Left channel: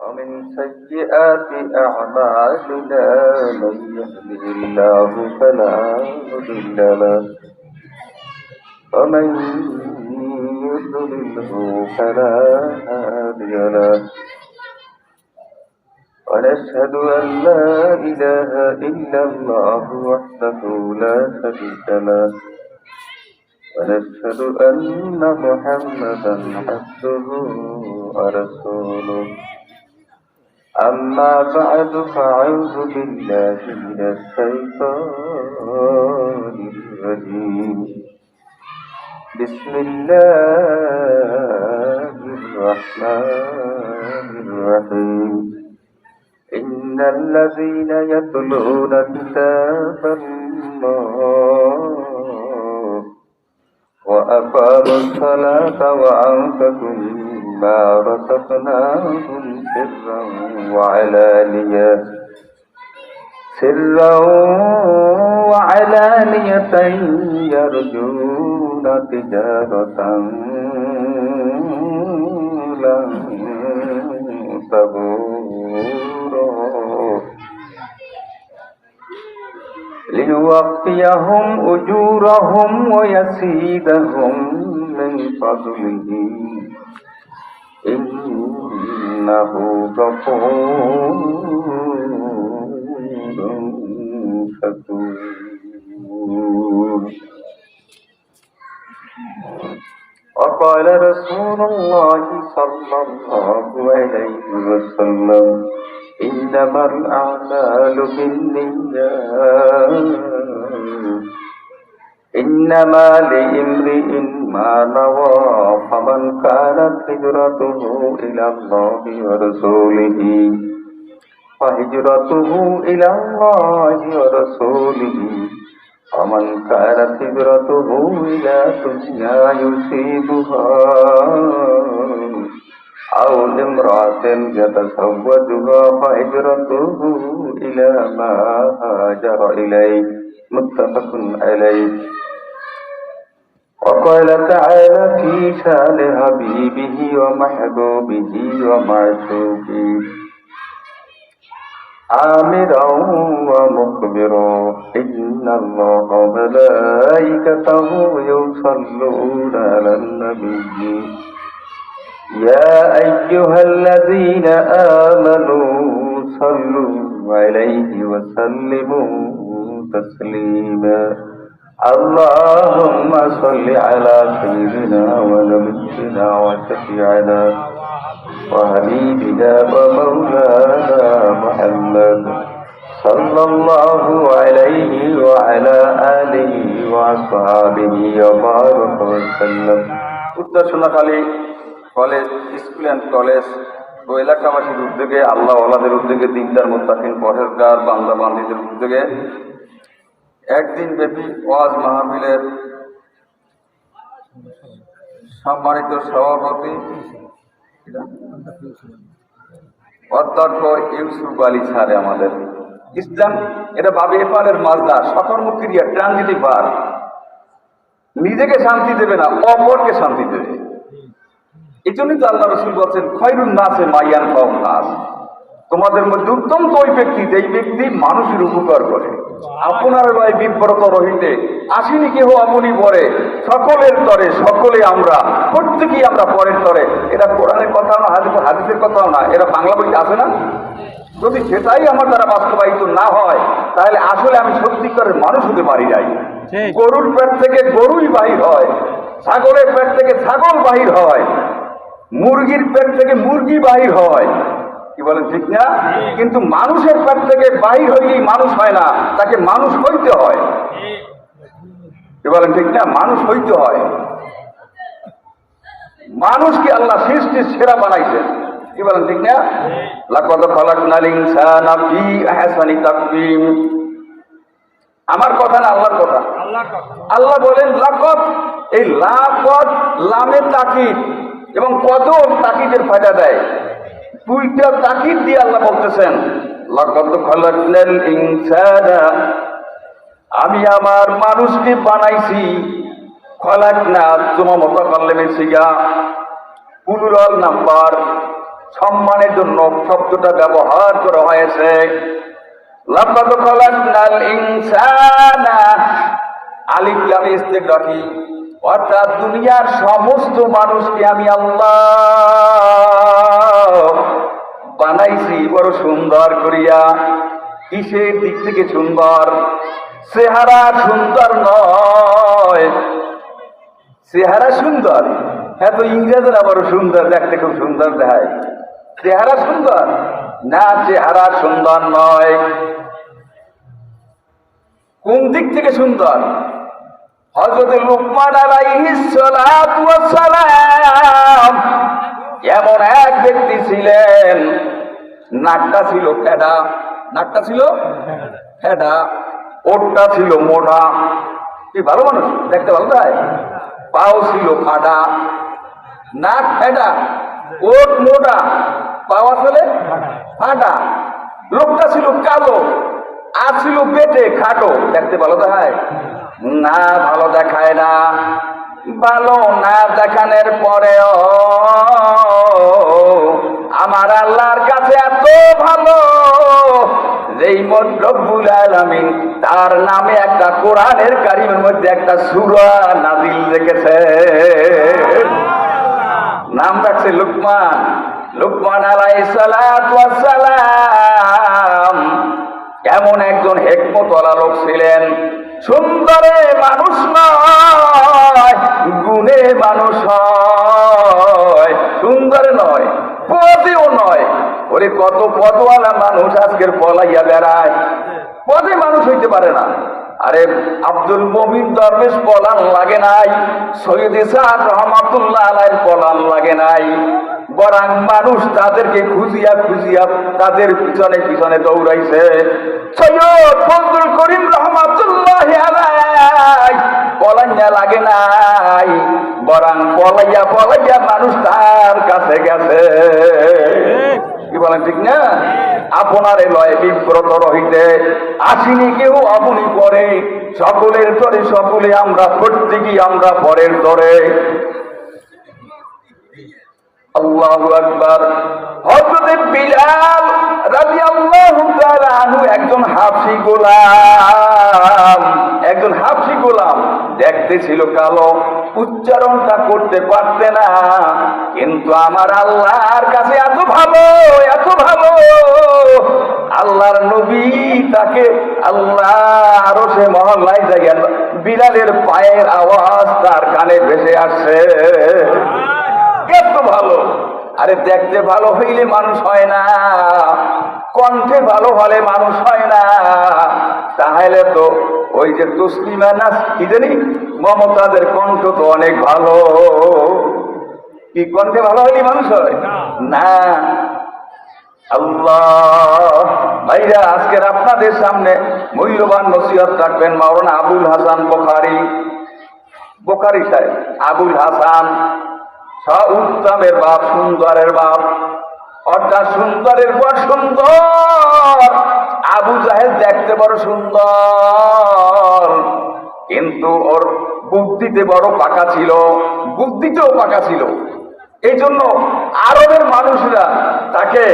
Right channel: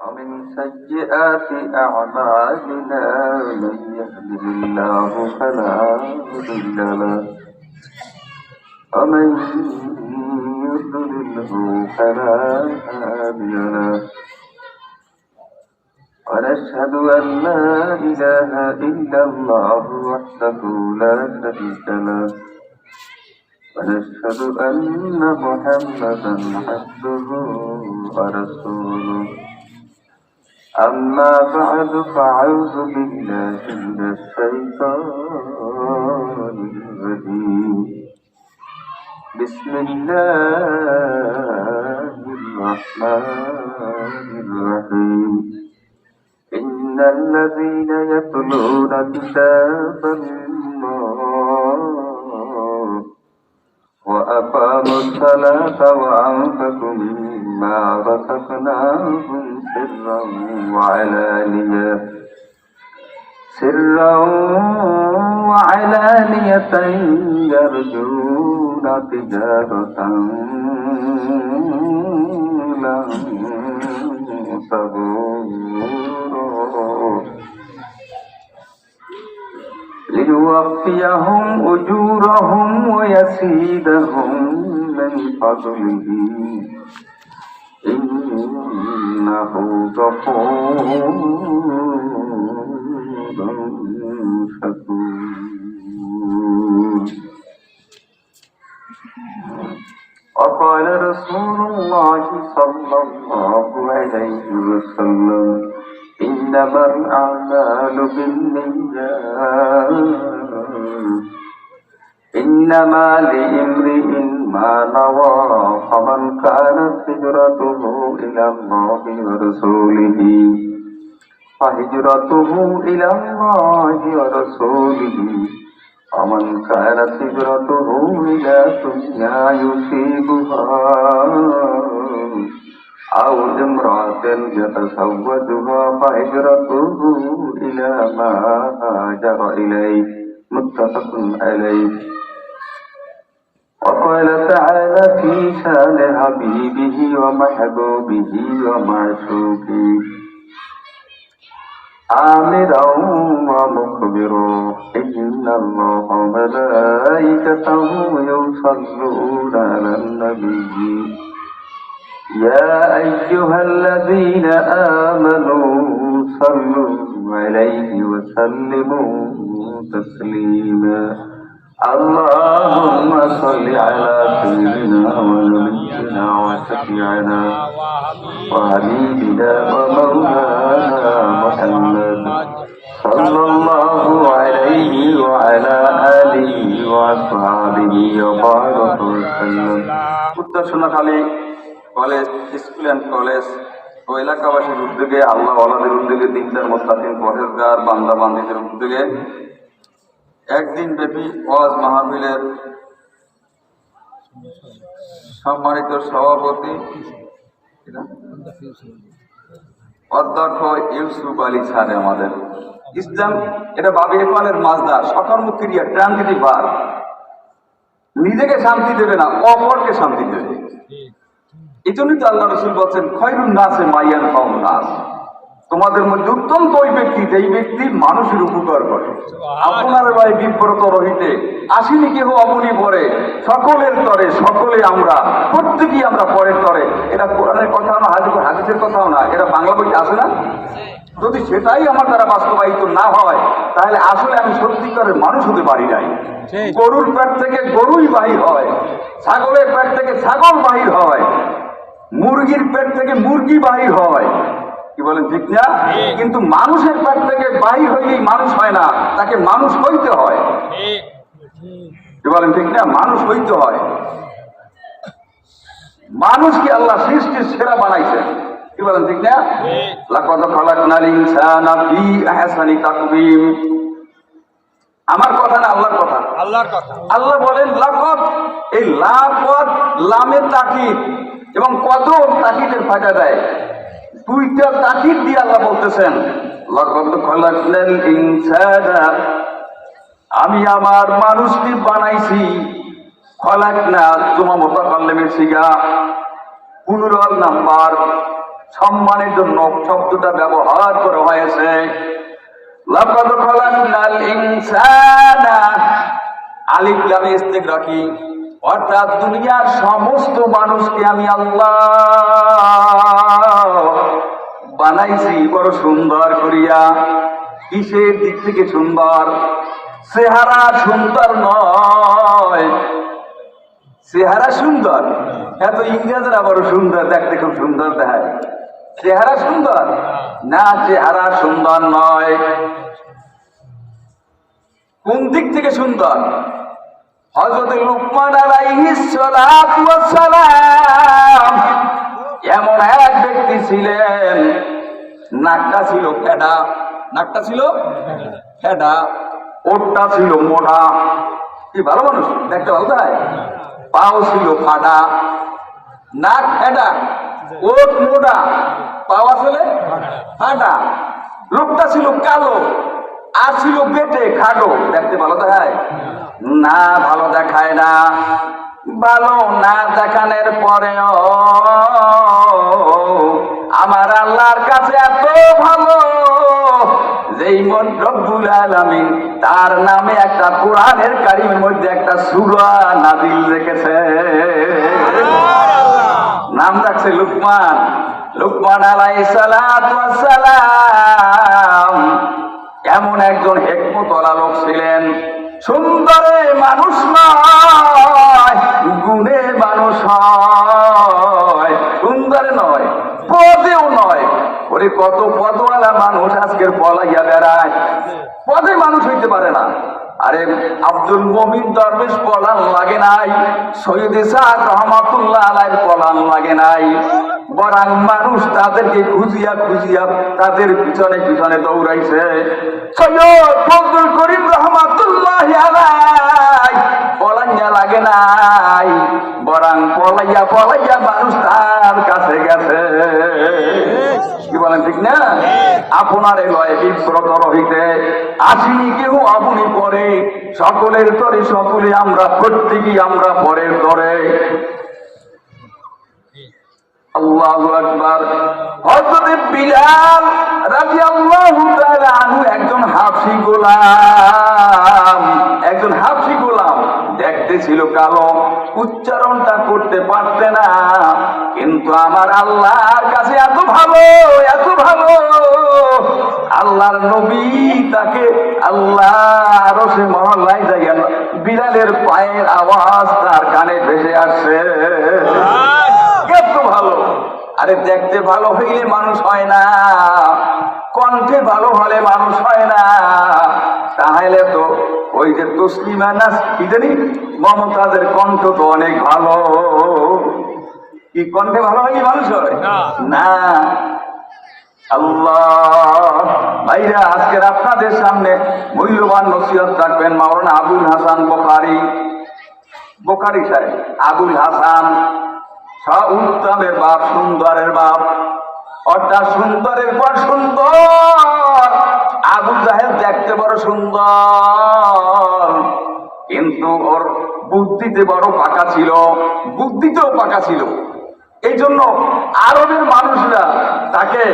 ومن سيئات أعمالنا من يهده الله فلا مضل له ومن يضلله فلا هادي له ونشهد أن لا إله إلا الله وحده لا شريك له ونشهد أن محمدا عبده ورسوله أما بعد فأعوذ بالله من الشيطان الرجيم بسم الله الرحمن الرحيم إن الذين يتلون كتاب الله وأقاموا الصلاة وأنفقوا مما رزقناهم سرا وعلانية يرجون تجارة لن تبور ليوفيهم أجورهم ويزيدهم من فضله إنه غفور شكور. وقال رسول الله صلى الله عليه وسلم إنما الأعمال بالنيات إنما لامرئ ما نوى فمن كانت هجرته إلى الله ورسوله فهجرته إلى الله ورسوله ومن كانت هجرته إلى دنيا يصيبها أو امرأة يتزوجها فهجرته إلى ما هاجر إليه متفق عليه. وقال تعالى في شأن حبيبه ومحبوبه ومعشوقه آمرا ومخبرا إن الله وملائكته يصلون على النبي يا أيها الذين آمنوا صلوا عليه وسلموا تسليما. اللهم صل على سيدنا ونبينا وشفيعنا وحبيبنا ومولانا محمد صلى الله عليه وعلى آله وأصحابه وبارك وسلم. উত্তর Sonakhali college school and college ও এলাকাবাসীর উদ্যোগে আল্লাহ ওয়ালাদের উদ্যোগে দিনদার মুত্তাকিন পরহেজগার বান্দা বান্দীদের উদ্যোগে একদিন ব্যাপী ওয়াজ মাহফিলের সম্মানিত সভাপতি অধ্যক্ষ ইউসুফ আলী স্যার আমাদের ইসলাম এটা বাবে ইফালের মাজদার সকর্মক ক্রিয়া ট্রানজিটিভ ভার নিজেকে শান্তি দেবে না অপরকে শান্তি দেবে। এই জন্যই তো আল্লাহ রসুল বলছেন খয়রুন নাসে মাইয়ান কম নাস, তোমাদের মধ্যে উত্তম তো ওই ব্যক্তি যেই ব্যক্তি মানুষের উপকার করে। আপনার লয় বিব্রত রহিতে আসিনি কেহ আমনি পরে সকলের তরে সকলে আমরা প্রত্যেকেই আমরা পরের তরে। এটা কোরআনের কথাও না, হাদিসের কথাও না, এটা বাংলা বই আছে না। যদি সেটাই আমার দ্বারা বাস্তবায়িত না হয় তাহলে আসলে আমি সত্যিকারের মানুষ হতে পারি নাই। গরুর পেট থেকে গরুই বাহির হয়, ছাগলের পেট থেকে ছাগল বাহির হয়, মুরগির পেট থেকে মুরগি বাহির হয়, কি বলেন ঠিক না? কিন্তু মানুষের পেট থেকে বাহির হইলেই মানুষ হয় না, তাকে মানুষ হইতে হয়। কি বলেন ঠিক না? মানুষ হইতে হয়। মানুষকে আল্লাহ সৃষ্টির সেরা বানাইছে, কি বলেন ঠিক না? লাকাদ খালাকনাল ইনসানা ফি আহসানি তাকওয়িম। আমার কথা না আল্লাহর কথা। আল্লাহ বলেন লাকাদ, এই লাকাদ লামে তাকিদ এবং কত তাকিদের ফায়দা দেয়। দুইটা তাকিদ দিয়ে আল্লাহ বলতেছেন লাকাদ খালাকনাল ইনসানা, আমি আমার মানুষকে বানাইছি। খলাকনা তোমার মতো কাল্লেমের সিগা পুলুরাল নাম্বার সম্মানের জন্য শব্দটা ব্যবহার করা হয়েছে। লাকাদ খালাকনাল ইনসানা, আলিফ লাম ইস্তিগরাকি, অর্থাৎ দুনিয়ার সমস্ত মানুষকে আমি আল্লাহ বানাইছি বড় সুন্দর করিয়া। কিসের দিক থেকে সুন্দর? চেহারা সুন্দর নয়, চেহারা সুন্দর, হ্যাঁ তো ইংরেজরা বড় সুন্দর, দেখতে খুব সুন্দর দেখায়, চেহারা সুন্দর না, চেহারা সুন্দর নয়। কোন দিক থেকে সুন্দর? হযরত লুকমান আলাইহিস সালাতু ওয়াস সালাম এমন এক ব্যক্তি ছিলেন, নাকটা ছিল ফেডা, নাকটা ছিল ফেডা, ওঠটা ছিল মোটা, কি ভালো মানুষ, দেখতে ভালো তাই, পাও ছিল ফাটা, নাক ফেডা, ওঠ মোটা, পাও আসলে ফাটা, লোকটা ছিল কালো, আর ছিল পেটে খাটো, দেখতে ভালো দেখায় না? ভালো দেখায় না। ভালো না দেখানোর পরেও আমার আল্লাহর কাছে এত ভালো, যেই রব্বুল আলামিন তার নামে একটা কোরআনের কারিমের মধ্যে একটা সূরা নাযিল রেখেছে, নাম রাখছে লুকমান। লুকমান আলাইহিস সালাতু ওয়াস সালাম এমন একজন হিকমতওয়ালা লোক ছিলেন। সুন্দরে মানুষ নয়, গুণে মানুষ হয়, সুন্দরে নয়, পদেও নয়। ওরে কত পদওয়ালা মানুষ আজকের পলাইয়া বেড়ায়, পদে মানুষ হইতে পারে না। আরে আব্দুল মুমিন দরবেশ পলান লাগে নাই, সৈয়দ ইসহাক রহমাতুল্লাহ আলাইহির পলান লাগে নাই, বরং মানুষ তাদেরকে খুঁজিয়া খুঁজিয়া তাদের পিছনে পিছনে দৌড়াইছে। সৈয়দ ফজলুল করিম রহমাতুল্লাহি আলাইহি পলাইয়া লাগে নাই, বরং পলাইয়া পলাইয়া মানুষ তার কাছে গেছে। কি বলেন, ঠিক না? আপনার লয় বিব্রত রহিতে আসিনি কেউ আপনি পরে, সকলের তরে সকলে আমরা, প্রত্যেকেই আমরা পরের তরে। আল্লাহু আকবার। হযরত বিলাল রাদিয়াল্লাহু তাআলা আনহু একজন হাবশী গোলাম, একজন হাবশী গোলাম, দেখতে ছিল কালো, উচ্চারণটা করতে পারতে না, কিন্তু আমার আল্লাহর কাছে এত ভালো, এত ভালো, আল্লাহর নবী তাকে আল্লাহ আরশে মহল্লায় যাইয়া বিলালের পায়ের আওয়াজ তার কানে ভেসে আসছে। এত ভালো। আরে দেখতে ভালো হইলে মানুষ হয় না, কণ্ঠে ভালো হলে মানুষ হয় না। তাহলে তো ওই যে তসলিমা নাস কি জানি মমতাজের কণ্ঠ তো অনেক ভালো, কি কণ্ঠে ভালো হইলে মানুষ হয় না? আল্লাহ ভাইরা, আজকের আপনাদের সামনে মূল্যবান নসিহত রাখবেন মাওলানা আবুল হাসান বুখারী, বুখারী সাহেব আবুল হাসান, উত্তমের বাপ, সুন্দরের বাপ, অর্থাৎ সুন্দরের পর সুন্দর। আবু জাহেল দেখতে বড় সুন্দর, কিন্তু ওর বুদ্ধিতে বড় পাকা ছিল, বুদ্ধিতেও পাকা ছিল। এই জন্য আরবের মানুষরা তাকে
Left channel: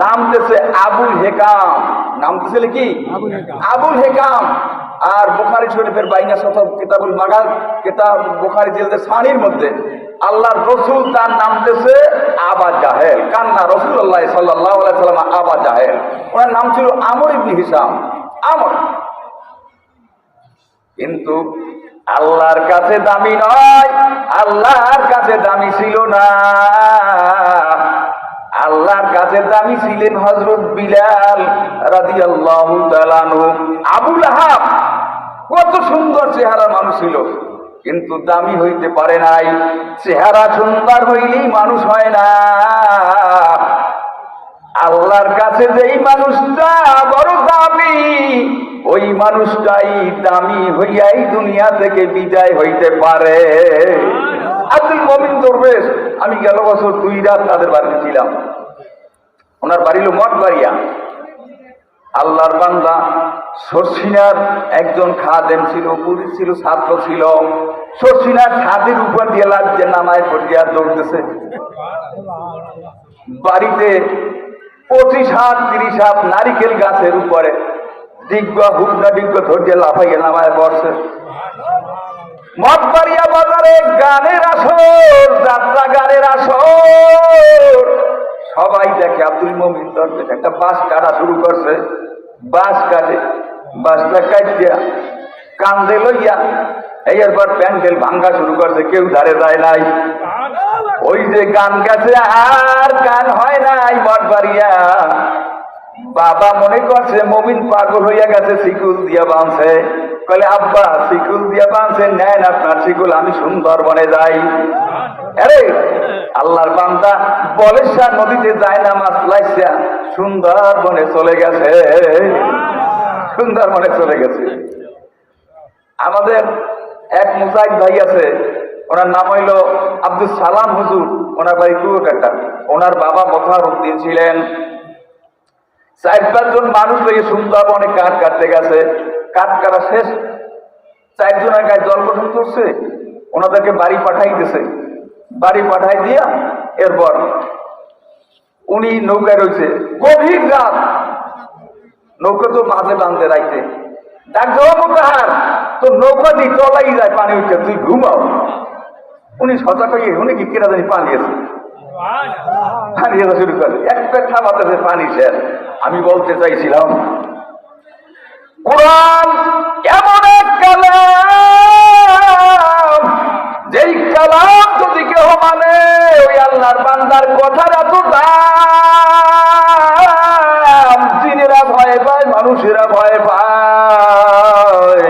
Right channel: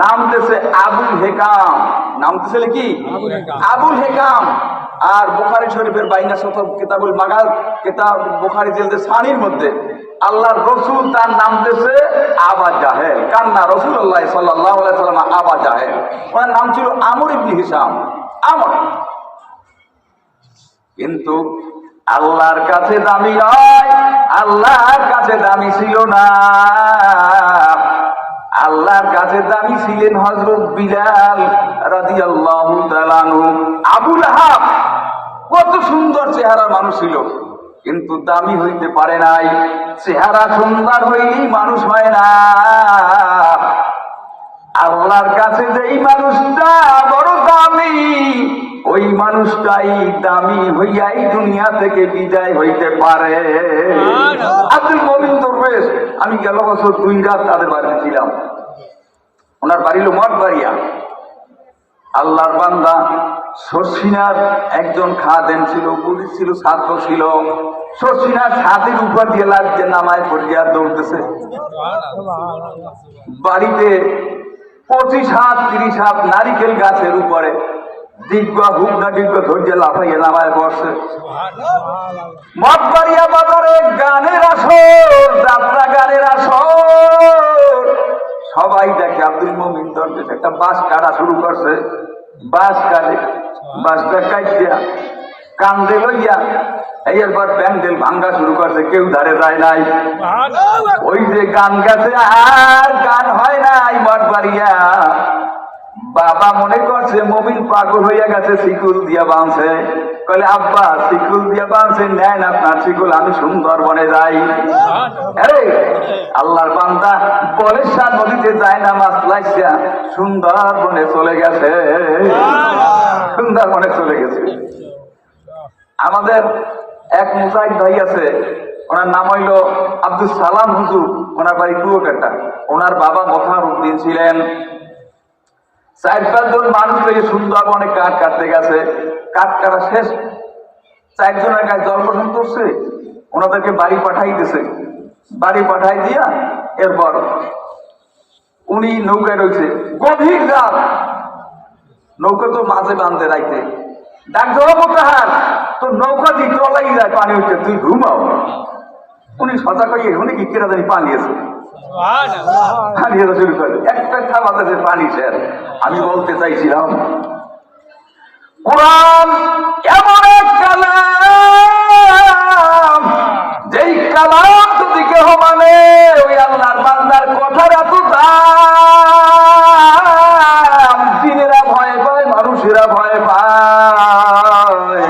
নামতেছে আবুল হেকাম, নামতেছে কি আবুল হেকাম। আর বুখারী শরীফের 52 শত কিতাবুল মাগাজ, কিতাব বুখারী জিলদে সানির মধ্যে আল্লাহর রসুল তার নামতেছে আবা জাহেল, কান্না রাসূলুল্লাহ সাল্লাল্লাহু আলাইহি ওয়াসাল্লাম আবা জাহেল, ওনার নাম ছিল আমর ইবনে হিশাম, আমর। কিন্তু আল্লাহর কাছে দামি নয়, আল্লাহর কাছে দামি ছিল না। আল্লাহর কাছে দামি ছিলেন হযরত বিলাল রাদিয়াল্লাহু তাআলা আনহু। আবু লাহাব কত সুন্দর চেহারা মানুষ ছিল, কিন্তু দামি হইতে পারে নাই। চেহারা সুন্দর হইলেই মানুষ হয় না। আল্লাহর কাছে যেই মানুষটা বড় দামি, ওই মানুষটাই দামি হইয়াই দুনিয়া থেকে বিদায় হইতে পারে। আব্দুল মুমিন দরবেশ, আমি গেল বছর 2 রাত তাদের বাড়িতে ছিলাম। ওনার বাড়ি হলো মঠবাড়িয়া। আল্লাহর বান্দা শর্ষিনার একজন খাদেম ছিল, পুলিশ ছিল, ছাত্র ছিল। শর্ষিনার ছাদের উপর দিয়ে লাগছে, নামায় পড়িয়া দৌড়তেছে। বাড়িতে 25 হাত 30 হাত নারিকেল গাছের উপরে দিগ্গা হুগা ডিগ্গা ধরিয়ে লাফাইয়ে নামায় পড়ছে। মঠবাড়িয়া বাজারে গানের আসর, যাত্রা গানের আসর। সবাই দেখে আব্দুল মমিন দরবেশ একটা বাঁশ কাটা শুরু করছে। বাঁশ কাটে, বাঁশটা কাটিয়া কান্দে লইয়া এরপর প্যান্ডেল ভাঙ্গা শুরু করছে। কেউ ধারে যায় নাই। ওই যে গান গেছে আর গান হয় নাই। মঠবাড়িয়া বাবা মনে করছে মমিন পাগল হইয়া গেছে, শিকুল দিয়া বাঁধছে। কলে আব্বা শিকুল দিয়া বাঁধছে, নেন আপনার শিকুল, আমি সুন্দরবনে যাই। আরে আল্লাহর বান্দা বলেশ্বর নদীতে যায় না, মাছ লাইসা সুন্দরবনে চলে গেছে। সুন্দরবনে চলে গেছে। আমাদের এক মুজাহিদ ভাই আছে, ওনার নাম হইল আব্দুল সালাম হুজুর। ওনার বাড়ি কুয়াকাটা। ওনার বাবা মখার উদ্দিন ছিলেন। 4-5 জন মানুষ হয়ে সুন্দরবনে কাঠ কাটতে গেছে। কাঠ কাটা শেষ, 4 জনের গায়ে জল গোসল করছে। ওনাদেরকে বাড়ি পাঠাই দিয়েছে। বাড়ি পাঠাই দিয়া এরপর উনি নৌকায় রয়েছে। গভীর রাত, নৌকা তো মাঝে বাঁধতে রাখতে। ডাক জবাব তাহার তো নৌকা দিয়ে তলাই যায়, পানি উঠে, তুই ঘুমাও। উনি সজাগ হয়ে উনি কি কেনা জানি পালিয়েছে। পালিয়ে শুরু করে এক পেট থামাতেছে, পানি শেষ। আমি বলতে চাইছিলাম কোরআন এমন এক কালাম, যেই কালাম যদি কেহ মানে ওই আল্লাহর বান্দার কথার এত দাম। জিনেরা ভয় পায়, মানুষেরা ভয় পায়।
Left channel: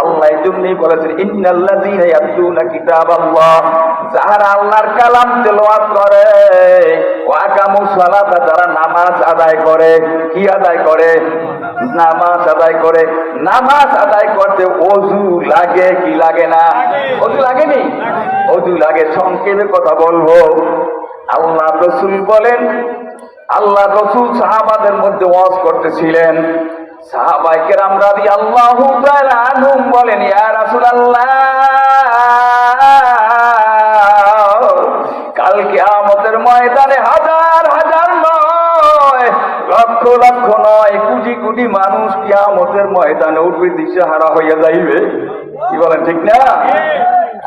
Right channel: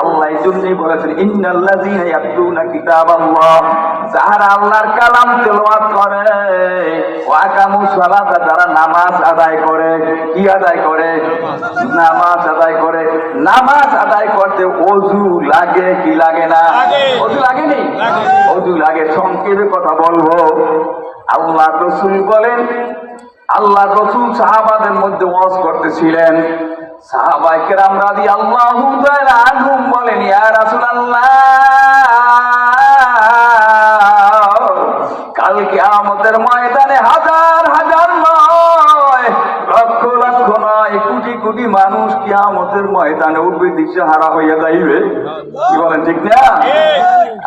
আল্লাহ এই জন্যই বলেছেন ইন্নাল্লাযীনা ইয়াতলুনা কিতাবাল্লাহ, যারা আল্লাহর কালাম তেলাওয়াত করে, ওয়া আকামুস সালাতা, যারা নামাজ আদায় করে। কি আদায় করে? নামাজ আদায় করে। নামাজ আদায় করতে ওযু লাগে কি লাগে না? ওযু লাগেনি? ওযু লাগে। সংক্ষেপে কথা বলবো। আল্লাহ রাসূল বলেন, আল্লাহ রাসূল সাহাবাদের মধ্যে ওয়াজ করতেছিলেন। সাহাবায়ে কেরাম রাদিয়াল্লাহু তাআলা আনহুম বলেন, ইয়া রাসূলুল্লাহ, কাল কিয়ামতের ময়দানে হাজার হাজার নয়, লক্ষ লক্ষ নয়, কোটি কোটি মানুষ কিয়ামতের ময়দানে উঠবে, দিশেহারা হইয়া যাইবে। কি বলেন, ঠিক না?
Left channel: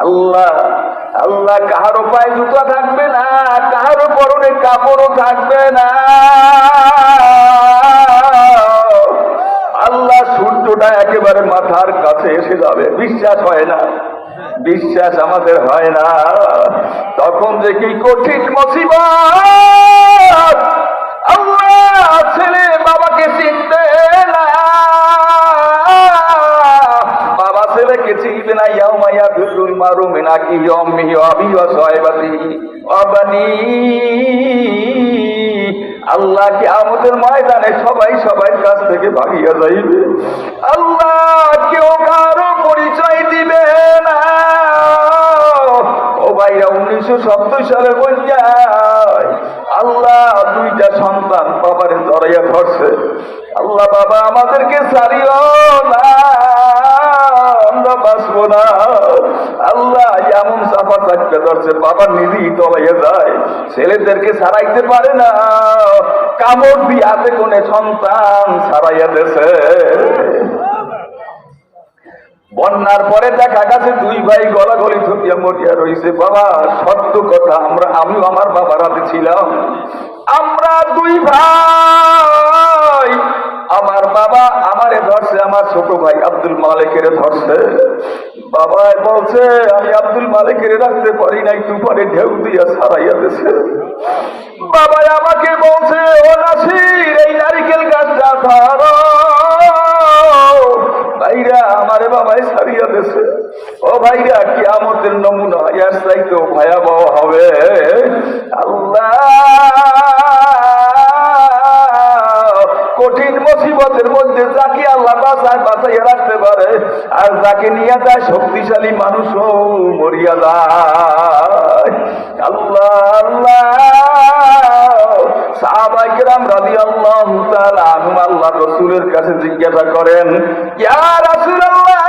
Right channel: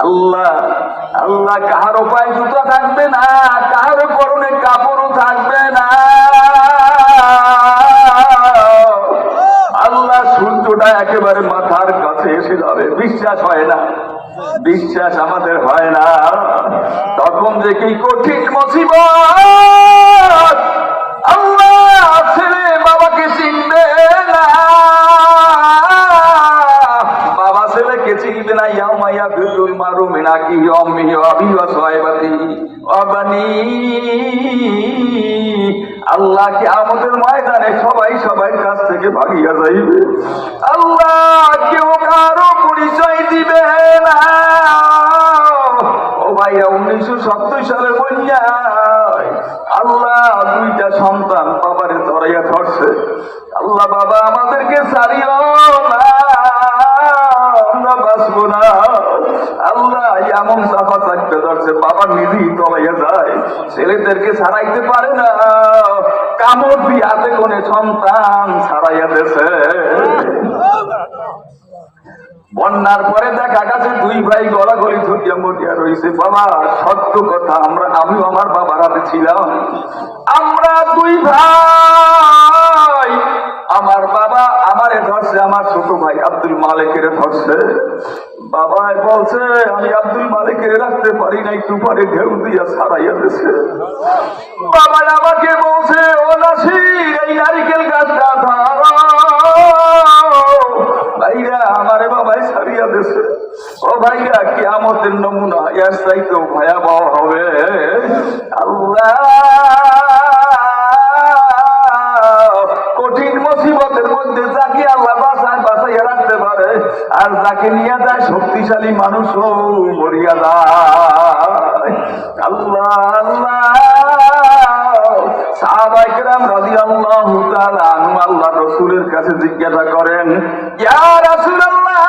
আল্লাহ আল্লাহ কাহারও পায়ে জুতা থাকবে না, কাহারও পরনে কাপড়ও থাকবে না। আল্লাহ সূর্যটা একেবারে মাথার কাছে এসে যাবে। বিশ্বাস হয় না? বিশ্বাস আমাদের হয় না। তখন যে কি কঠিন মুসিবত। আল্লাহ ছেলে বাবাকে চিনবে না, বাবা ছেলেকে চিনবে না। ইয়াউমা ইয়াফিরুল মারউ মিন আখিহি ওয়া উম্মিহি ওয়া আবিহি ওয়া সাহিবাতিহি ওয়া বানিহি। আল্লাহ কিয়ামতের ময়দানে সবাই সবার কাছ থেকে ভাগিয়া যাইবে। আল্লাহ কেউ কারো পরিচয় দিবে না। ও ভাইয়া, 1970 সালে বন্যায় আল্লাহ 2টা সন্তান বাবারে জড়াইয়া ধরছে। আল্লাহ বাবা আমাদেরকে ছাড়িও না, আমরা বাঁচবো না। আল্লাহ এমন চাপা চাপতে ধরছে, বাবা নিজেই তলাইয়া যায়, ছেলেদেরকে ছাড়াইতে পারে না। কামড় দিয়ে হাতে কোনে সন্তান ছাড়াইয়া দিয়েছে। বন্যার পরে দেখা গেছে 2 ভাই গলাগলি ঠকিয়া মরিয়া রয়েছে। বাবা সত্য কথা, আমিও আমার বাবার হাতে ছিলাম। আমরা 2 ভাই, আমার বাবা আমারে ধরছে, আমার ছোট ভাই আব্দুল মালিকের ধরছে। বাবা বলছে আমি আব্দুল মালিকের রাখতে পারি নাই, তুফানে ঢেউ দিয়া ছাড়াইয়া দিয়েছে। বাবা আমাকে বলছে, ও নাসির, এই নারিকেল গাছটা ধরো। ভাইরা আমারে বাবাই ছাড়িয়া দিয়েছে। ও ভাইরা, কিয়ামতের নমুনা এর চাইতেও ভয়াবহ হবে। আল্লাহ কঠিন মুসিবতের মধ্যে যাকে আল্লাহ বাঁচাইয়া রাখতে পারে, আর যাকে নিয়ে যায় শক্তিশালী মানুষও মরিয়া যায়। আল্লাহ আল্লাহ। সাহাবায়ে কেরাম সাল্লাম রাদিয়াল্লাহু তাআলা আনহু আল্লাহর রাসূলের কাছে জিজ্ঞাসা করেন, ইয়া রাসূলুল্লাহ,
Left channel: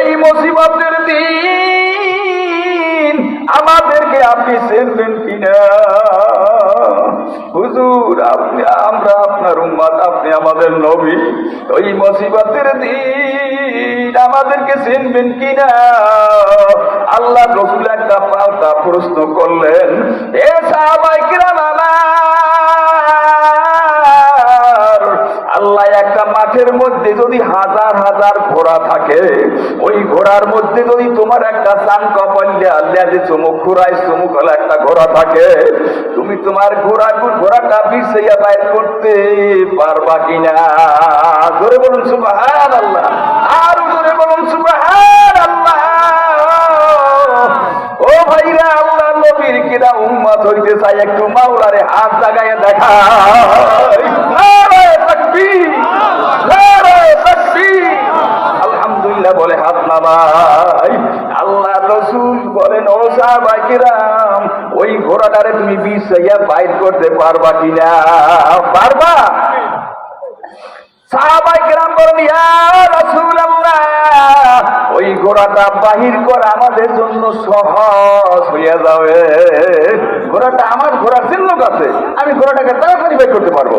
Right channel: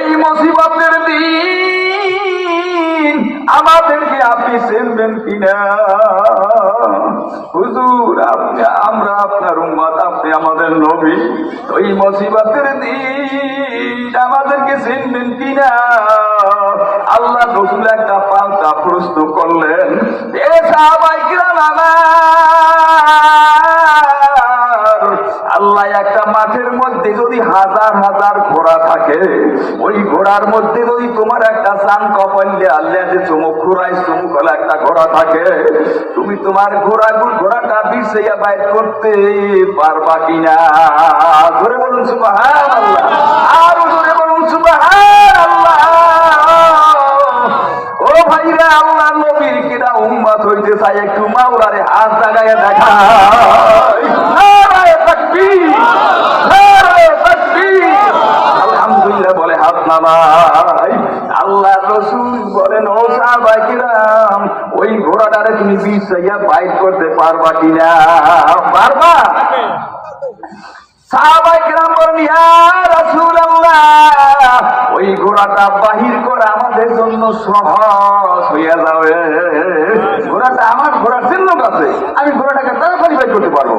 এই মুসিবতের দিন আমাদেরকে আপনি চেনবেন কিনা? হুজুর, আমরা আপনার উম্মত, আপনি আমাদের নবী, ওই মুসিবতের দিন আমাদেরকে চিনবেন কিনা? আল্লাহ রাসূল একটা পাল্টা প্রশ্ন করলেন, এ সাহাবায়ে কিরাম আমার, আল্লাহ একটা মাঠের মধ্যে যদি হাজার হাজার ঘোড়া থাকে, ওই ঘোড়ার মধ্যে যদি তোমার একটা সান কপালে আল্লাহ যে চমক ঘোড়ায় চমক হলো একটা ঘোড়া থাকে, তুমি তোমার ঘোড়াটা বিছাইয়া বাইর করতে পারবা কিনা? জোরে বলুন সুবহানাল্লাহ, আর জোরে বলুন সুবহানাল্লাহ। ও ভাইরা, আল্লাহ নবীর কিনা উম্মত হইতে চাই, একটু মাওলারে হাত জাগায় দেখা। আলহামদুলিল্লাহ বলে হাত নামাই। আল্লাহ রাসূল বলেন, ও সাহাবায়ে কিরাম, ওই ঘোড়াটারে তুমি বিছাইয়া বাইর করতে পারবা কিনা? পারবা? সাহাবায়ে কিরাম বলেন, ইয়া রাসূলুল্লাহ, ওই ঘোড়াটা বাহির করা আমাদের জন্য সহজ হইয়া যাবে। ঘোড়াটা আমার ঘোড়ার চিহ্ন আছে, আমি ঘোড়াটাকে তাড়াতাড়ি বাইর করতে পারবো।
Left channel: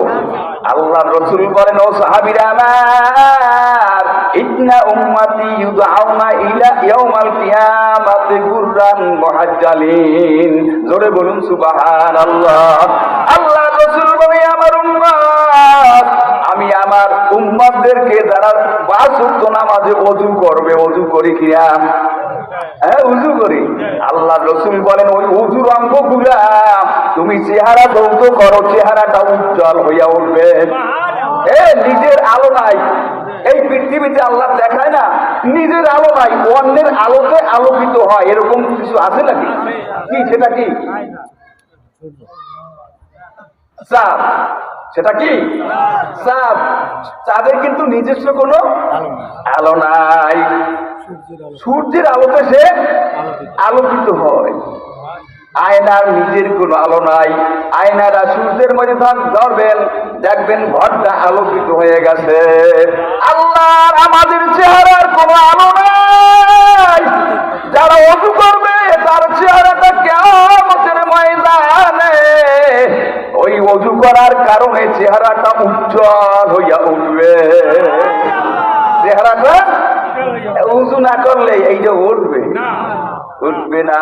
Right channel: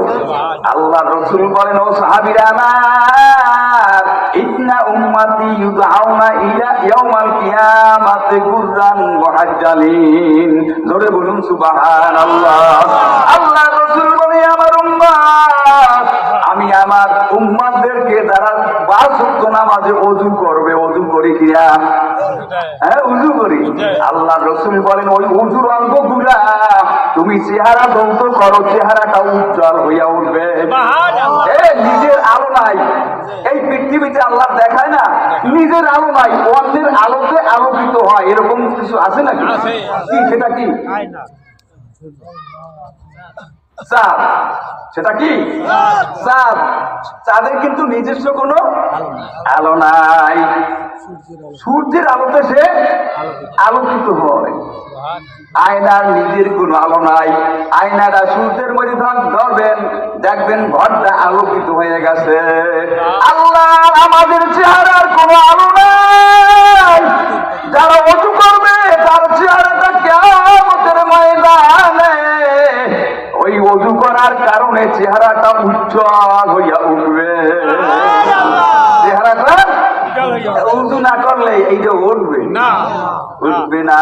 আল্লাহ রাসূল বলেন, ও সাহাবীরা আমার, ইন্না উম্মতি ইউদআউনা ইলা ইয়াউমাল কিয়ামাতি গুররান মুহাজ্জালিন। জোরে বলুন সুবহানাল্লাহ। আল্লাহ রাসূল বলেন, আমার উম্মত, আমি আমার উম্মতদেরকে যারা 5 ওয়াক্ত নামাজে ওযু করবে, ওযু করি কিনা? হ্যাঁ, ওযু করি। আল্লাহ রাসূল বলেন, ওই ওযুর অঙ্গগুলা তুমি চেহারা ধৌত করো, চেহারাটা উজ্জ্বল হইয়া উঠবে। নিজের আলো নাই, এই পৃথিবীতে আল্লাহ দেখায় না, নিজের আলো নাই, অন্যের আলোতে আলোকিত হয়, এরকম কিছু আছে নাকি? কি সেটা কি? চাঁদ। সেটা কি? চাঁদ। চাঁদের কিন্তু নিজস্ব কোনো আলো নাই, সূর্যের আলোতে সে আলোকিত হয়। আয়নার নিজের কোনো আলো নাই, আয়নারা সূর্যের মধ্যে ধরবেন, দেখবেন ঘরটা আলোকিত হয়ে গেছে। আল্লাহর আমাদের চেহারার কোনো আলো নাই, যারা ওযু করবে তার চেহারাটা কিয়ামতের ময়দানে ওই ওযু করার কারণে চেহারাটা উজ্জ্বল হইয়া উঠবে। চেহারাটা ওযু না করলে এইটা উঠবে না, উঠবে না।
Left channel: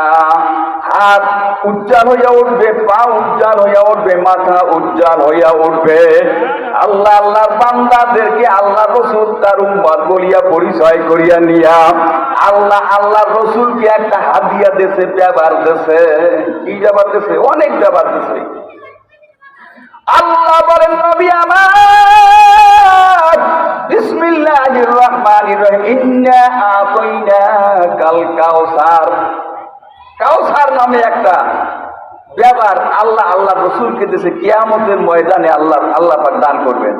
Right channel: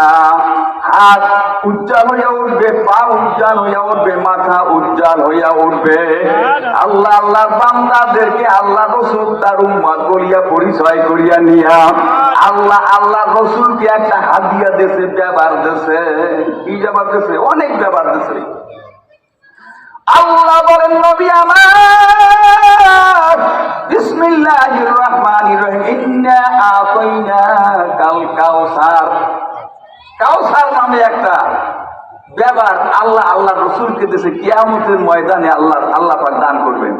হাত উজ্জ্বল হইয়া উঠবে, পা উজ্জ্বল হইয়া উঠবে, মাথা উজ্জ্বল হইয়া উঠবে। আল্লাহ আল্লাহ বান্দাদেরকে আল্লাহ রাসূল তার উম্মত বলিয়া পরিচয় করিয়া নিয়া আল্লাহ আল্লাহ রাসূলকে একটা হাদিয়া দিয়েছে, ব্যবহার দিয়েছে। কি ব্যবহার দিয়েছে? অনেক ব্যবহার দিয়েছে। আল্লাহ বলেন, নবী আমার, বিসমিল্লাহির রহমানির রহিম, ইন্না আতাইনাকাল কাউসার। কাউসার নামে একটা ব্যাপার আল্লাহ রাসূলকে দিয়েছে, কিয়ামতের ময়দানে আল্লাহ পাক দান করবেন।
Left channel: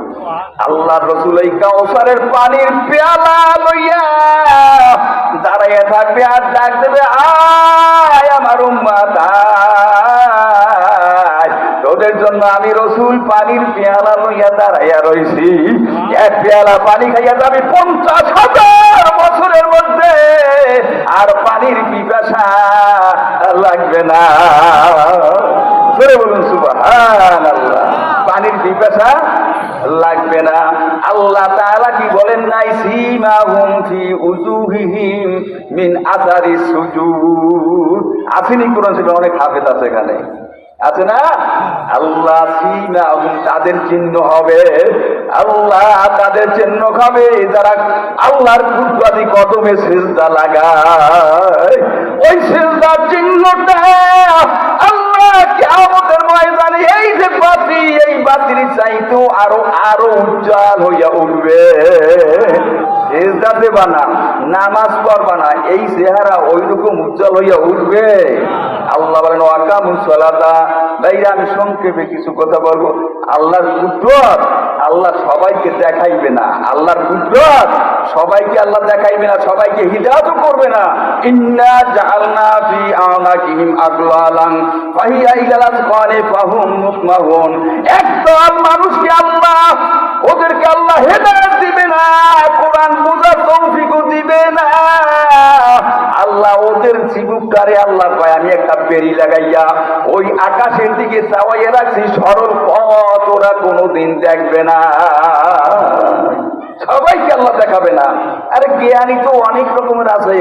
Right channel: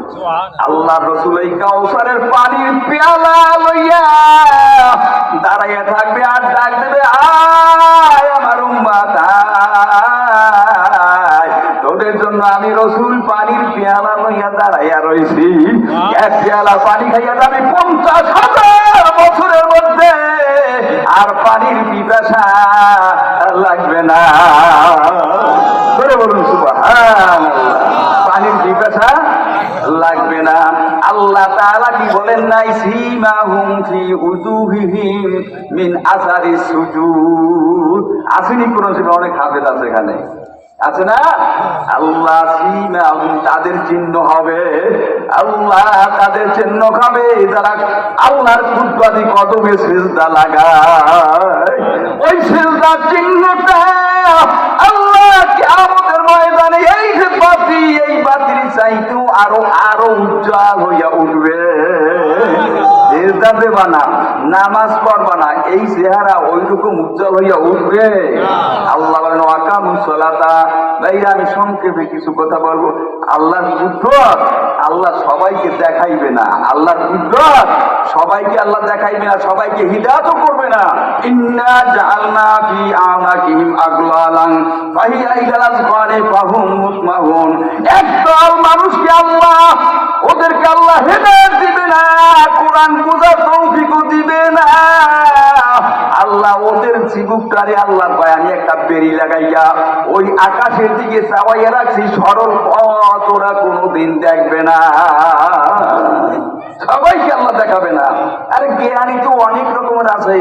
আল্লাহ রাসূল এই কাউসারের পানির পেয়ালা লইয়া দাঁড়াইয়া থাকবে আর ডাক দেবে, আয় আমার উম্মত আয়, তোদের জন্য আমি রাসূল পানির পেয়ালা লইয়া দাঁড়াইয়া রইছি। এক পেয়ালা পানি খাইয়া যাবি 50,000 বছরের মধ্যে, আর পানির পিপাসা লাগবে না। বলুন সুবহানাল্লাহ। পানির পিপাসা লাগবে না। আল্লাহ তাআলা কি বলেন নাই, সীমাহুম ফি উজুহিহিম মিন আসারিস সুজুদ। আসেনি কোরআন শরীফে? অনেক হাফেজ আছে এখানে, আছে না? আল্লাহ সীমাহুম, তাদের চিহ্ন হবে, আল্লাহ তাদের চিহ্ন খাবে যারা আল্লাহর কুদরতি কদমে সিজদা লাগায়। ওই সিজদার চিহ্নটা আল্লাহ কিয়ামতের ময়দানে এই যে বাতি, এই বাতির চাইতেও আরো আরো উজ্জ্বল হইয়া উঠবে। সেজদা দেবা না, নামাজ পড়বা না, এই চেহারা ওইরকম উজ্জ্বল হইয়া উঠবে। আল্লাহ বলেন ওয়াকামুস সালাতা। ভাইরা আমি সংক্ষেপে কিছু কথা বলবো। আল্লাহর কুদরত আল্লাহ সবাইকে দেখাইবে না, আল্লাহর কুদরত সবাইকে আল্লাহ দেখাইবে না, সবাইকে হিদায়াতও করবে না। ইন্না জাআলনা ফি আনাকিহিম আগলালান ফাহিয়া ইলাল আযকারি ফাহুম মুকমাহুন। একদল মানুষকে আল্লাহ, ওদেরকে আল্লাহ হিদায়াত দিবে না, কোরআন বুঝার তৌফিকও দিবে না। আল্লাহ ওদের জীবনটারে আল্লাহ কয় আমি একটা বেড়ি লাগাইয়া ওই আকাশের দিকে চাওয়াইয়া রাখছি, সরল পথ ওরা কোনোদিন দেখবে না, সবাইকে আল্লাহ দেখাবে না। আরে জ্ঞানী তো অনেক রকমের আছে।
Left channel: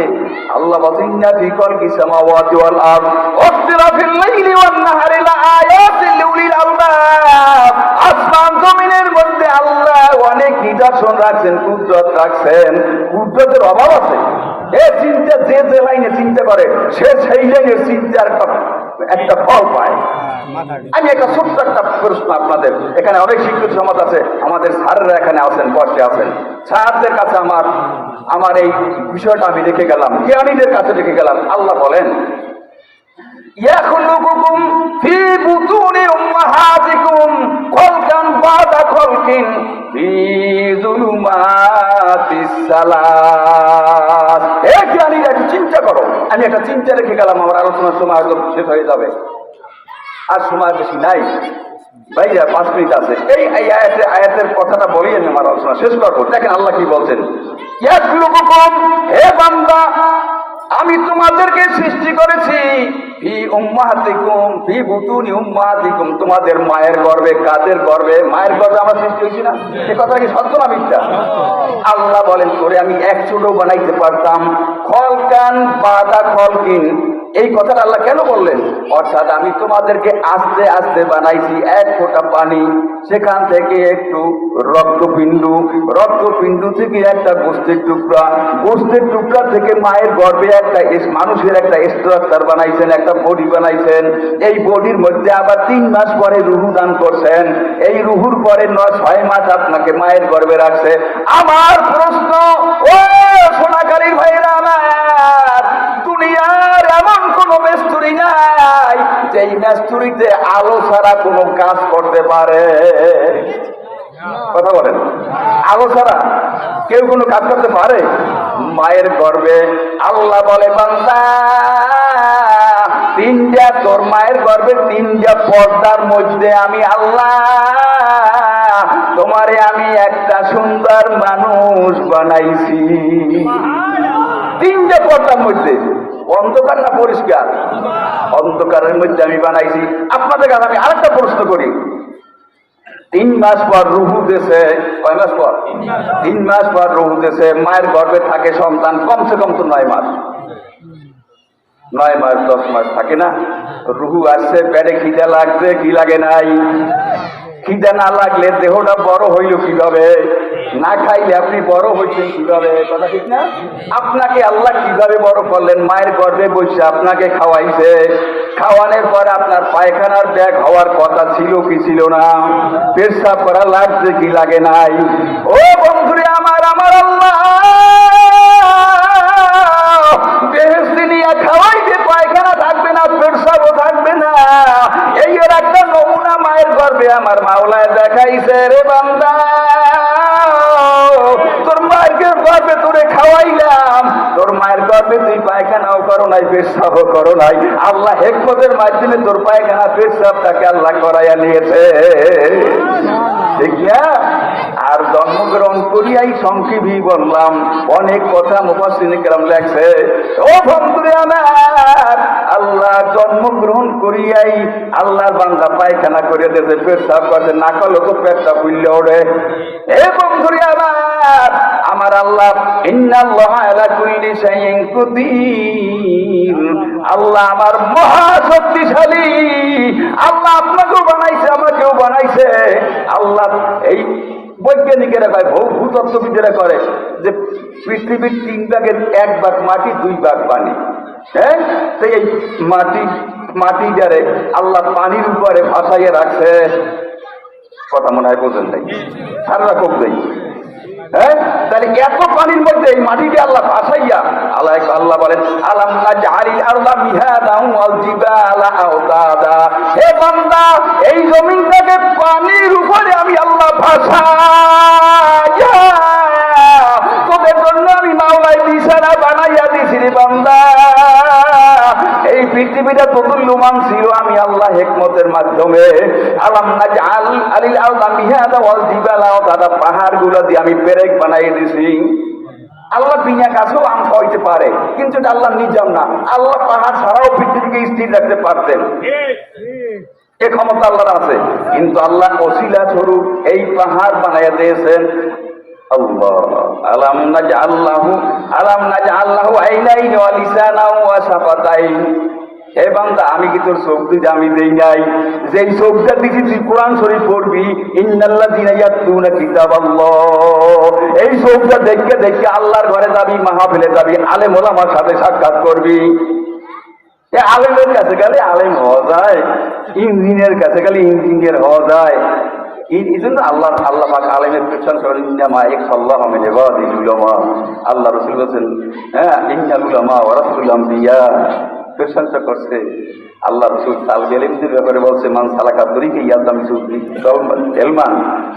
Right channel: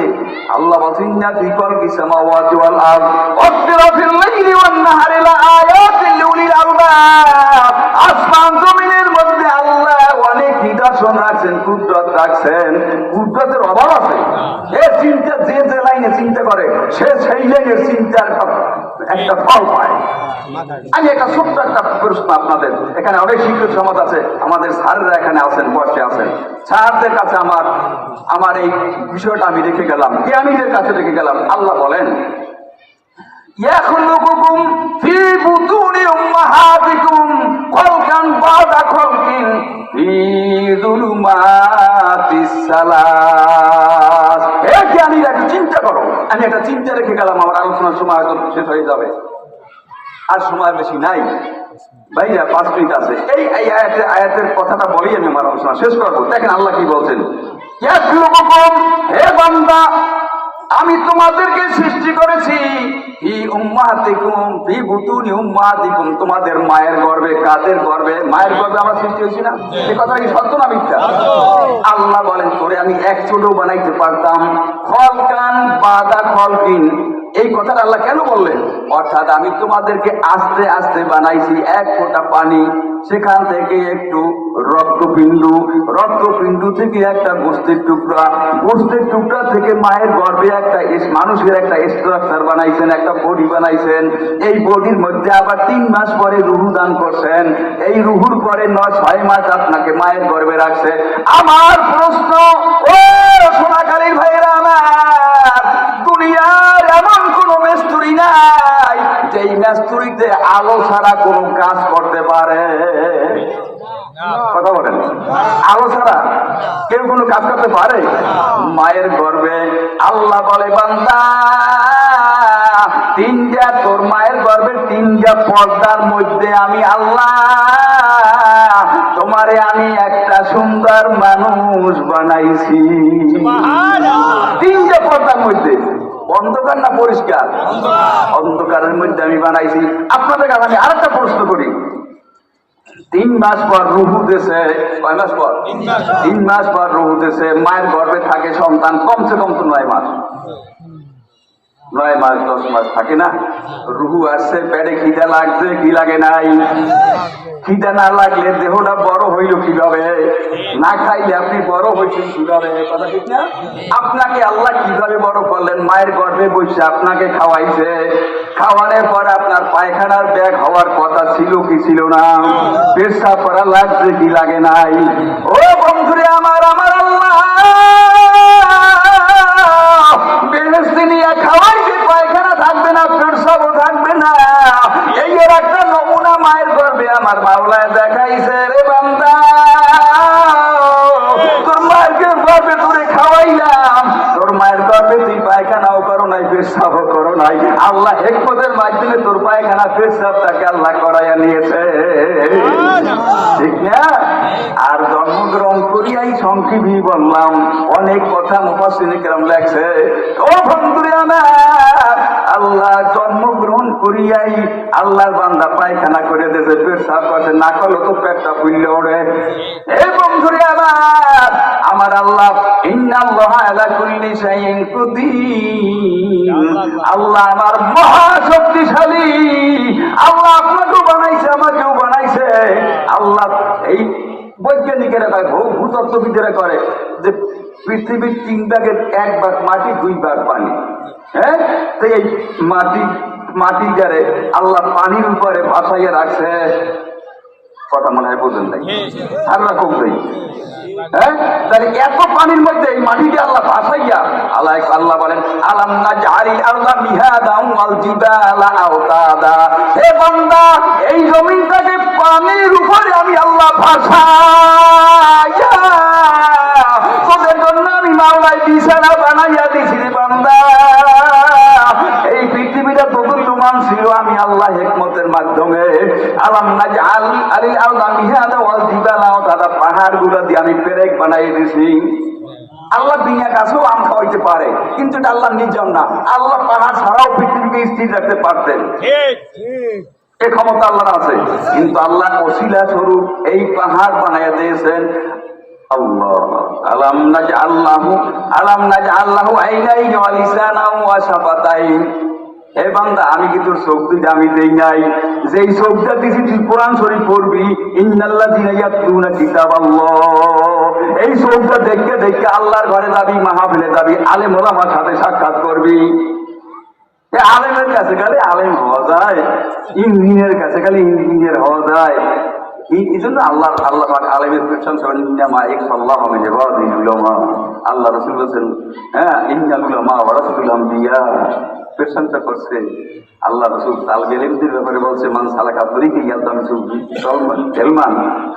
আল্লাহ বলেন ইন্না ফি খালকিস সামাওয়াতি ওয়াল আরদ ওয়াখতিলাফিল লাইলি ওয়ান নাহারি লাআয়াতিন লিউলিল আলবাব। আসমান জমিনের মধ্যে আল্লাহ অনেক নিদর্শন রাখছেন, কুদরত রাখছেন। কুদরতের অভাব আছে? চিন্তা যে যে লাইনে চিন্তা করে সে সেই লাইনের চিন্তার একটা ফল পায়। আমি একটা ছোট্ট একটা প্রশ্ন আপনাদের, এখানে অনেক শিক্ষক সমাজ আছে, আমাদের স্যাররা এখানে আছেন, বসে আছেন। স্যারদের কাছে আমার এই বিষয়টা আমি রেখে গেলাম, জ্ঞানীদের কাছে রেখে গেলাম। আল্লাহ বলেন ইয়াখলুকুকুম ফি বুতুনি উম্মাহাতিকুম খালকান বাদা খালকিন ফি যুলুমাতিস সালাস। হে জ্ঞানীরা একটু চিন্তা করো। আমি একটা চিন্তা রেখে গেলাম, আমার আলোচনার সময় একদম শেষ হয়ে যাবে, আর সময় বেশি নাই। ভাইয়া 5 মিনিট আছে। এই আয়াতের কথাটা বলি আমি আমার আলোচনা শেষ করবো। দেখেন আল্লাহ কি বলছেন, হে বান্দা আমি তোমাদেরকে সৃষ্টি করেছি ফি উম্মাহাতিকুম ফি বুতুনি উম্মাহাতিকুম, তোমাদের মায়ের গর্ভে। কাদের গর্ভে? মায়ের গর্ভে আমরা সৃষ্টি হয়েছি না? এই কথা কি সত্য না মিথ্যা? আল্লাহ বলেন তোরে আমি এক চুলও বানাইতে পারতাম। খলকান বাদা খলকিন, এই কথাটা আল্লাহ কেন বললেন? অর্থাৎ আমি তোমাদেরকে আস্তে আস্তে বানাইছি। এক ফোঁটা পানি, সেখান থেকে একটু রক্তপিণ্ড থেকে একটা গোস্তের টুকরা, গোস্তের টুকরা থেকে মায়ের গর্ভে একটা মানুষের একটা স্ট্রাকচার বানাইছেন, একটা বডি বানাইছেন। এই বডির মধ্যে আবার 3 মাস পরে রুহু দান করছেন। এই রুহুর পরে 6 মাস আপনাকে মায়ের গর্ভে রাখছে। আমার প্রশ্ন, ও সোনাখালীর ভাইরা আমার, দুনিয়ার এমন কোন মেস্তুরি নাই যেই মেস্তুরিতে আলো ছাড়া কোন কাজ করতে পারে? কথা বলেন, আলো ছাড়া কেউ কোনো কাজ করতে পারে? মায়ের গর্ভে আল্লাহ বলে বান্দা তোর মায়ের গর্ভে 3টা পর্দার মধ্যে আমি আল্লাহ তোমারে আমি একটা সুন্দর মানুষ বানাইছি। 3টা পর্দার মধ্যে, অন্ধকার না পরিষ্কার? অন্ধকারের মধ্যে আমি বানাইছি। আপনাদের কাছে আমি আরেকটা প্রশ্ন করি, 3 মাস পর রুহু দেশে, কয় মাস পর? 3 মাস পর রুহু দেশে, মায়ের গর্ভে থাকে সন্তান কমসে কম তো 9 মাস, 9 মাস 10 মাস থাকে না? রুহু আসছে, পেটে খিদা লাগছে, কি লাগে নাই? খিদা না লাগলে দেহটা বড় হইল কিভাবে? না খাইলে আপনি বড় হয়েছেন কিভাবে? কথা ঠিক না? আপনাকে আল্লাহ কিভাবে বড় করলেন? মায়ের গর্ভে বসে আপনাকে খাওয়াইছে। খাওয়ানোর পর আপনার পায়খানার ব্যাগ হওয়ার কথা ছিল কি ছিল না? পেশাব করা লাগছে কি লাগে নাই? ও বন্ধুরে আমার আল্লাহ বেহেশতে নিয়ে খাওয়াইছে, পায়খানা থাকবে না, পেশাবও থাকবে না। এই এর একটা নমুনা মায়ের গর্ভে আমার মাওলায় দেখাইছে। রে বান্দা তোর মায়ের গর্ভে তোরে খাওয়াইলাম, তোর মায়ের গর্ভে তুই পায়খানাও করো নাই, পেশাবও করো নাই। আল্লাহ হিকমতের মাধ্যমে তোর পায়খানা পেশাবটাকে আল্লাহ করাইয়া নিয়েছে, ঠিক না? আর জন্মগ্রহণ করিয়াই সংক্ষেপই বললাম, অনেক কথা মুফাসসিরিনে কেরাম লেখছে। ও বন্ধুরে আমার, আল্লাহ জন্মগ্রহণ করিয়াই আল্লাহর বান্দা পায়খানা করে দিয়েছে, পেশাব করছে, না করলে তো পেটটা ফুললে ওঠে। এই বন্ধুরে আমার আল্লাহ ইন্নাল্লাহা আলা কুল্লি শাইইন কাদির, আল্লাহ আমার মহা শক্তিশালী। আল্লাহ আপনাকেও বানাইছে, আমাকেও বানাইছে। আল্লাহ এই বৈজ্ঞানিকেরা কয়, ভূতত্ত্ববিদেরা করে যে পৃথিবীর 3 ভাগের 1 ভাগ মাটি, 2 ভাগ পানি। হ্যাঁ, তো এই মাটিটারে আল্লাহ পানির উপরে ভাসাইয়ে রাখছে। কথা মনে হয় বোঝেন নাই, সারা রকম নেই। হ্যাঁ, তাহলে এত পানির মধ্যে এই মাটিকে আল্লাহ ভাসাইয়া আল্লাহ বলেন আলাম নাজআলিল আরদা মিহাদান ওয়াল জিবালা আওতাদা, হে বান্দা এই জমিনটাকে পানির উপরে আমি আল্লাহ ভাসাইয়া তোদের জন্য আমি মাওলাই বিছানা বানাইয়া দিছি রে বান্দা। এই পৃথিবীটা তদুল্যমান ছিল আমি আল্লাহ হিকমতের মাধ্যমে। আলাম নাজআল আলিল আরদা মিহাদা ওয়াল জিবালা আওতাদা, পাহাড়গুলো দিয়ে আমি পেরেক বানাই দিছি। আল্লাহ দুনিয়া কাছেও আম খাওয়াইতে পারে, কিন্তু এটা আল্লাহ নিজাম না। আল্লাহ পাহাড় ছাড়াও পৃথিবীকে স্থির রাখতে পারতেন, এ ক্ষমতা আল্লাহর আছে। কিন্তু আল্লাহ ওসিলা স্বরূপ এই পাহাড় বানাইয়া দিয়েছেন। আল্লাহ আলাম নাজআল্লাহু আইনাইনি ওয়া লিসানাও ওয়া শাফাতাইন, হে বান্দা আমি কি তোর চোখ দুইটা আমি দেই নাই? যেই চোখটা দিছি তুই কোরআন শরীফ পড়বি, ইন্নাল্লাযীনা ইয়াতলুনা কিতাবাল্লাহ, এই চোখটা দেখে দেখে আল্লাহর ঘরে যাবি, মাহফিলে যাবি, আলেম ওলামার সাথে সাক্ষাৎ করবি। আলেমের কাছে গেলে আলেম হওয়া যায়, ইঞ্জিনিয়ারের কাছে গেলে ইঞ্জিনিয়ার হওয়া যায়। এই জন্য আল্লাহ পাক আলেমের প্রশংসা করেন, ইন্নামা ইয়াখশাল্লাহা মিন ইবাদিহিল উলামা। আল্লাহ রাসূল বলেছেন, হ্যাঁ, ইন্নাল উলামা ওয়ারাসাতুল আমবিয়া, প্রশংসা করছে। আল্লাহ রাসূল তালবে ইলমের ব্যাপারে বলছে, মান সালাকা তরিকা ইয়ালতামিসু বিহি ইলমান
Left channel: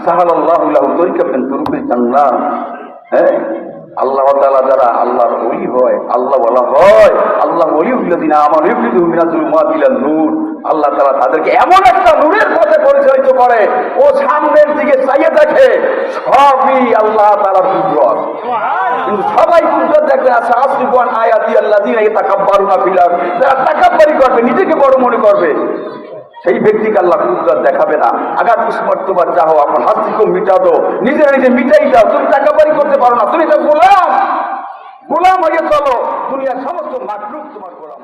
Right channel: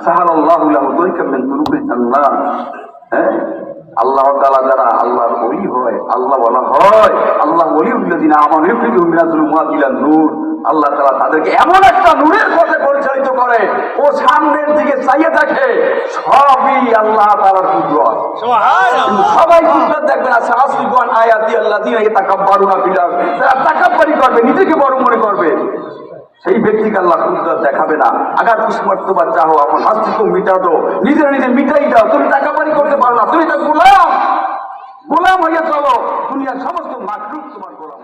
সাহালাল্লাহু লাহু তরিকাম মিন তুরুকিল জান্নাত। হ্যাঁ, আল্লাহ তাআলা যারা আল্লাহর ওলি হয়, আল্লাহ ওয়ালা হয়, আল্লাহ ওলিউল্লাযিনা আমানু ইউখরিজুহুম মিনাজ যুলুমাতি ইলান নূর, আল্লাহ তাআলা তাদেরকে এমন একটা নূরের পথে পরিচালিত করে, ও সামনের দিকে চাইয়ে দেখে সবই আল্লাহ তাআলার কুদরত। কিন্তু সবাই কুদরত দেখবে না। সাসরিফুন আয়াতি আল্লাযিনা ইয়াতাকাব্বারুনা ফিল আরদ, যারা তাকাব্বুরি করবে, নিজেকে বড় মনে করবে, সেই ব্যক্তিকে আল্লাহ কুদরত দেখাবে না। আগার কিসমত তোমার চাও আপন হাস্তি কো মিটা দো, নিজেরা নিজে মিটাই দাও। তুমি তাকাব্বুরি করতে পারো না, তুমি তো গোলাম হয়ে চলো, দুনিয়ার সমস্ত মাখলুক তোমার গোলাম।